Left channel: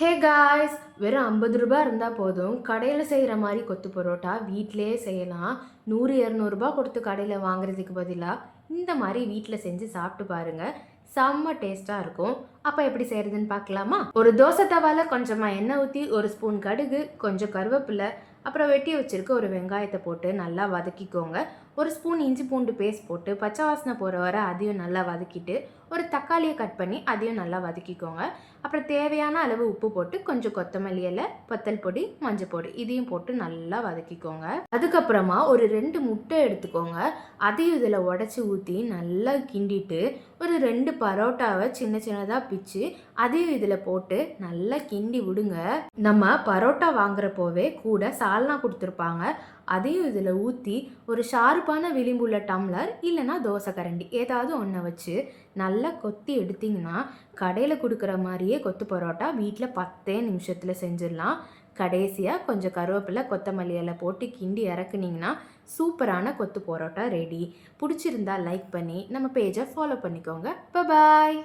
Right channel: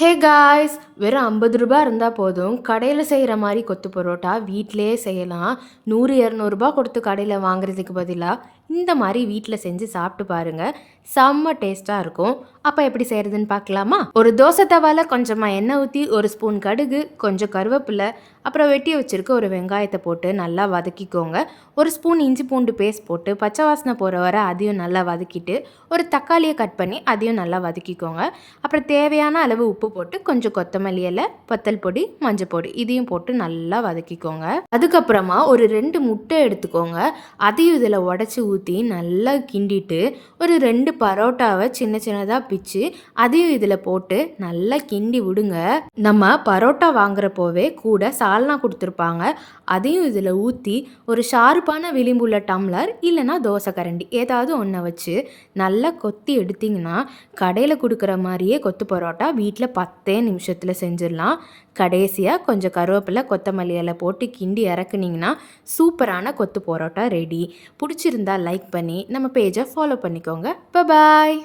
Hey guys! வெறும் ரூ. 50 இருந்தா போதும். கடையில செய்ற மாரி கொத்து பரோட்டா வீட்லயே செய்யலாம். 100, 200 கொடுத்து கடையில வாங்குறதுக்கு பதிலா, இந்த மாரி வீட்ல செஞ்சு சாப்பிட்டு பாருங்க. செம்ம டேஸ்ட்டா இருக்கும். அப்ப எப்படி செய்றதுன்னு பார்க்கலாமா? ஒரு தோசை தவால கொஞ்சமா எண்ணெய் ஊத்தி, 1 ஸ்பூன் கடுகு, கொஞ்சம் கருவேப்பில, அப்புறம் வெட்டி வச்சிருக்க ஒரு வெங்காயத்த போட்டு நல்லா வதக்கிக்கோங்க. 1 ஸ்பூன் இஞ்சி பூண்டு பேஸ்ட் போட்டு, பச்சை வாசனை போற வர அதையும் நல்லா வதக்கிட்டு, ஒரு தக்காளிய கட் பண்ணி அதையும் நல்லா வதக்கிக்கோங்க. அப்புறம் தேவையான அளவு உப்பு போட்டு கொஞ்சம் கொத்தமல்லி இலை, வத்தல் பொடி, மஞ்சள் பொடி இதையும் போட்டு நல்லா வதக்கிக்கோங்க. அதுக்கப்புறமா ஒரு 2 முட்டை எடுத்துக்கோங்க. அதையும் இதில் உடச்சி ஊற்றி நல்லா கிண்டிட்டு, ஒரு 2 பரோட்டாவை சின்ன சின்னதாக பிச்சு அதையும் இதில் போட்டு நல்லா கிண்டி விடுங்க. நம்ம பரோட்டா வாங்குறப்போவே கூட சால்னா கொடுத்துருப்பாங்க. அதையும் இதில் ஊற்றி ஒரு ஷார்ப்பான விளிம்புள்ள டம்ளர் இல்லைன்னா தோசை கரண்டி ஏதாவது ஒன்றை வச்சு நல்லா கொத்தி எடுத்திங்கன்னா கடையில் கொடுக்குற மாதிரியே கொத்து பரோட்டா வீட்டில் 10 நிமிஷத்தில் செஞ்சிடலாம். கடைசியாக கொஞ்சம் கருவேப்பிலை, கொத்தமல்லி இலை போட்டு கிண்டி இறக்குனீங்கன்னா சூப்பரான கொத்து பரோட்டா ரெடி. பிடிச்சிருந்தா லைக் பண்ணி நம்ம பேஜை ஃபாலோ பண்ணிக்கோங்க. பாய்.